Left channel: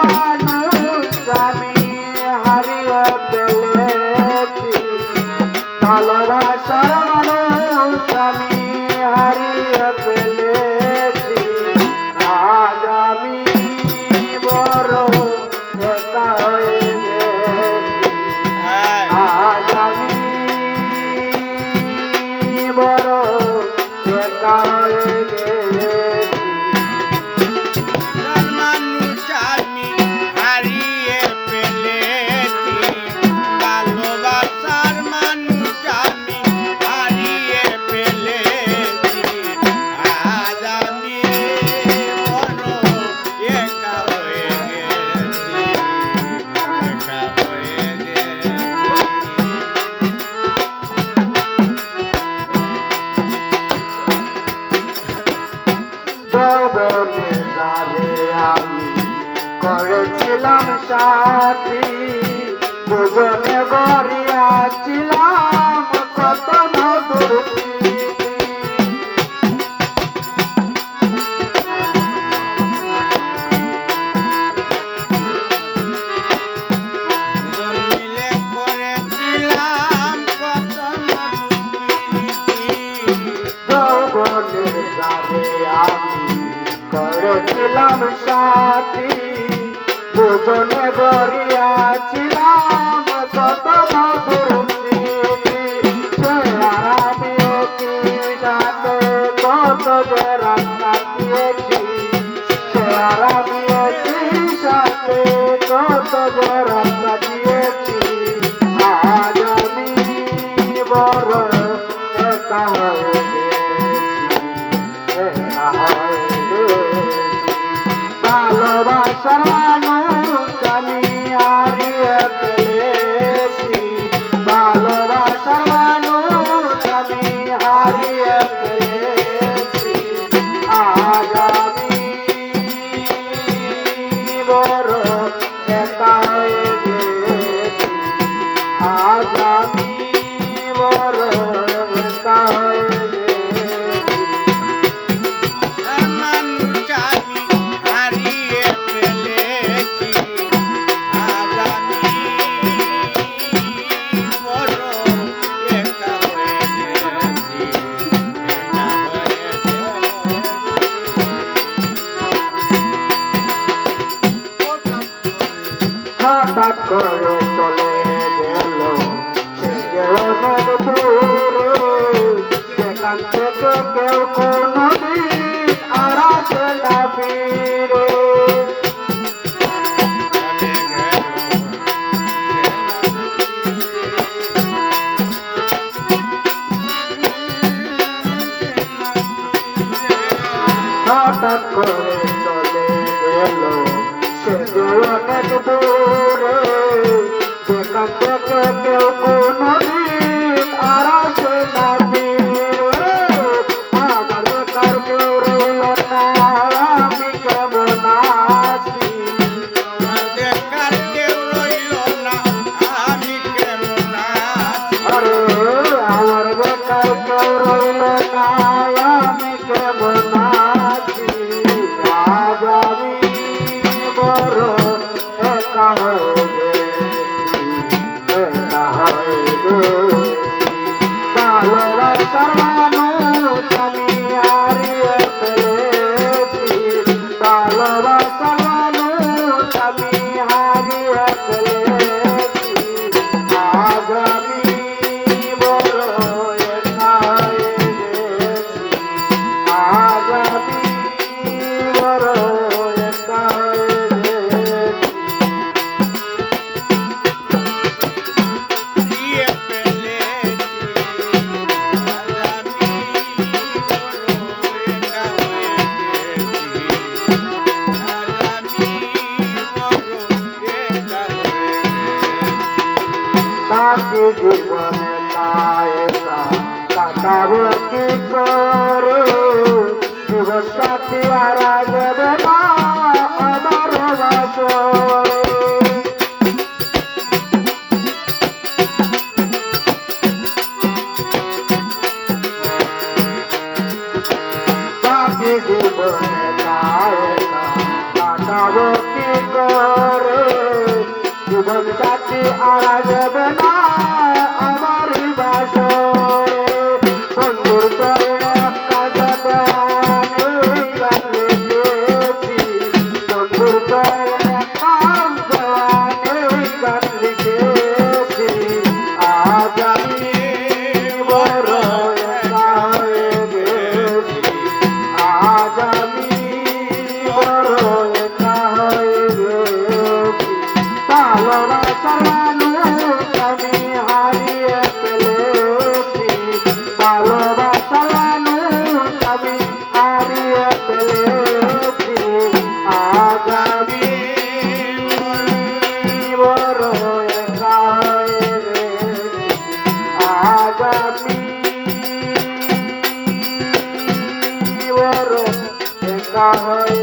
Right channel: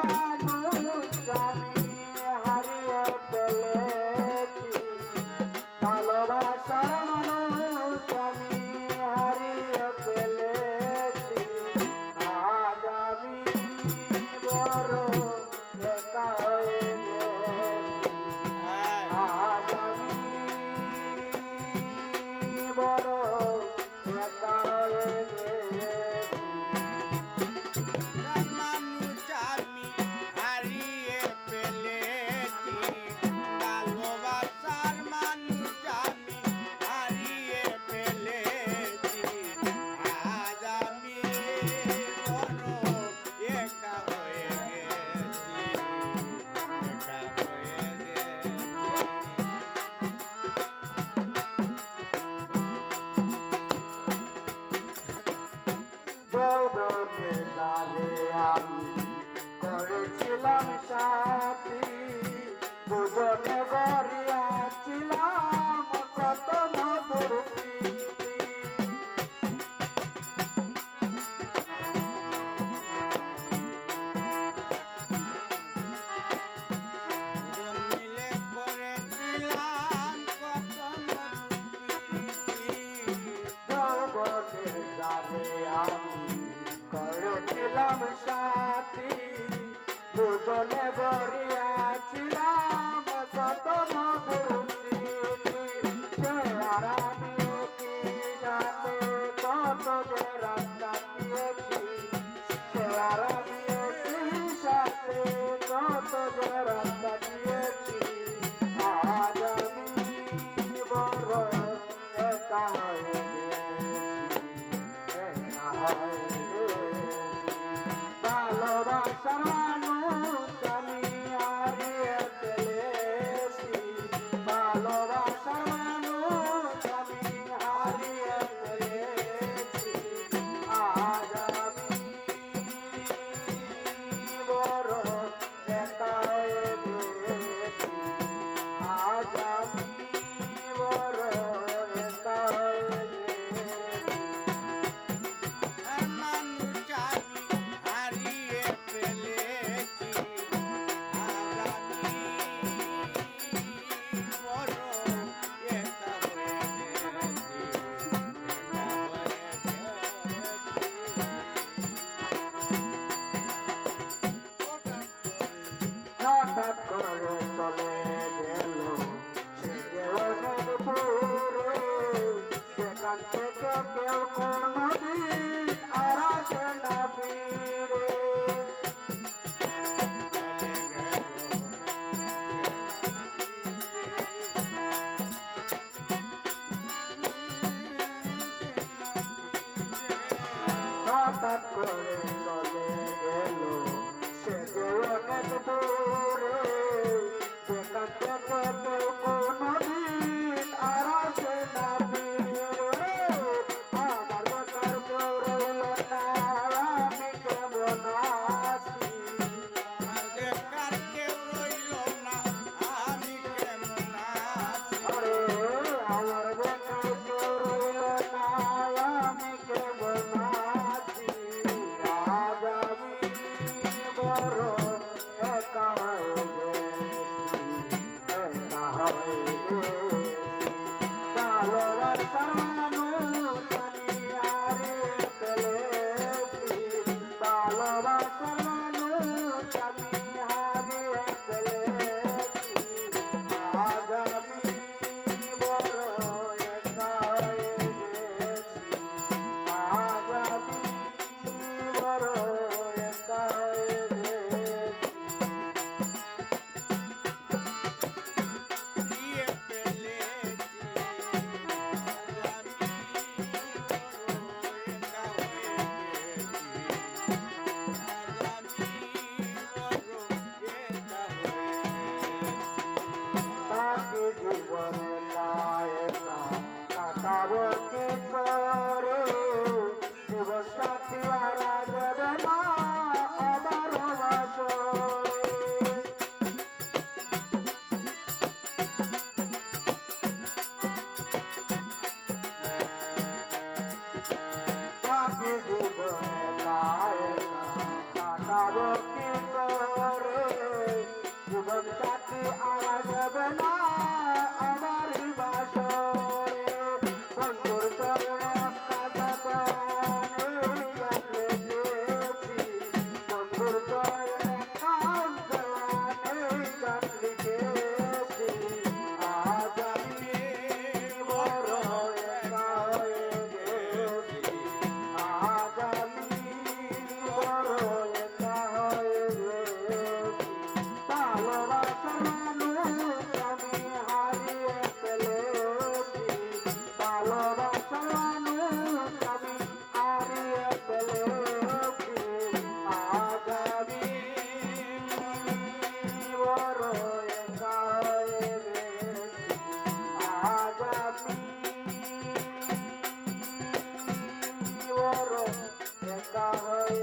মানুষ আমি হারিয়ে ফেলেছি, ভালোবাসার মানুষ আমি হারিয়ে ফেলেছি। আজ আমি বড় একা হয়ে গেছি, আজ আমি বড় একা হয়ে গেছি। আমি করেছিলাম সাথী, দুজনে গড়িয়াছিলাম কত মধুর স্মৃতি। যৌবনের সাথে আমি করেছিলাম সাথী, দুজনে গড়িয়াছিলাম কত মধুর স্মৃতি। সে আর আমিও কি সাথে কত যে রাত কাটিয়েছি, সে আর আমিও কি সাথে কত যে রাত কাটিয়েছি। আজ আমি বড় একা হয়ে ভালোবাসার মানুষ আমি হারিয়ে ফেলেছি, ভালোবাসার মানুষ আমি হারিয়ে ফেলেছি। আজ আমি বড় একা হয়ে গেছি, আজ আমি বড় একা হয়ে গেছি। হঠাৎ করে চলে গেল সে যে অনেক দূরে, সেখান থেকে কেউ কোনোদিন আর আসে না ফিরে। হঠাৎ করে চলে গেল সে যে অনেক দূরে, সেখান থেকে কেউ কোনোদিন আর আসে না ফিরে। আমার বেকার কেউ রইল না, আমি কেমন আছি, আমার বেকার কেউ রইল না, আমি কেমন আছি। আরে আমার বেকার কেউ রইল না, আমি কেমন আছি। আজ আমি বড় একা হয়ে আগামী বড় দেখা হয়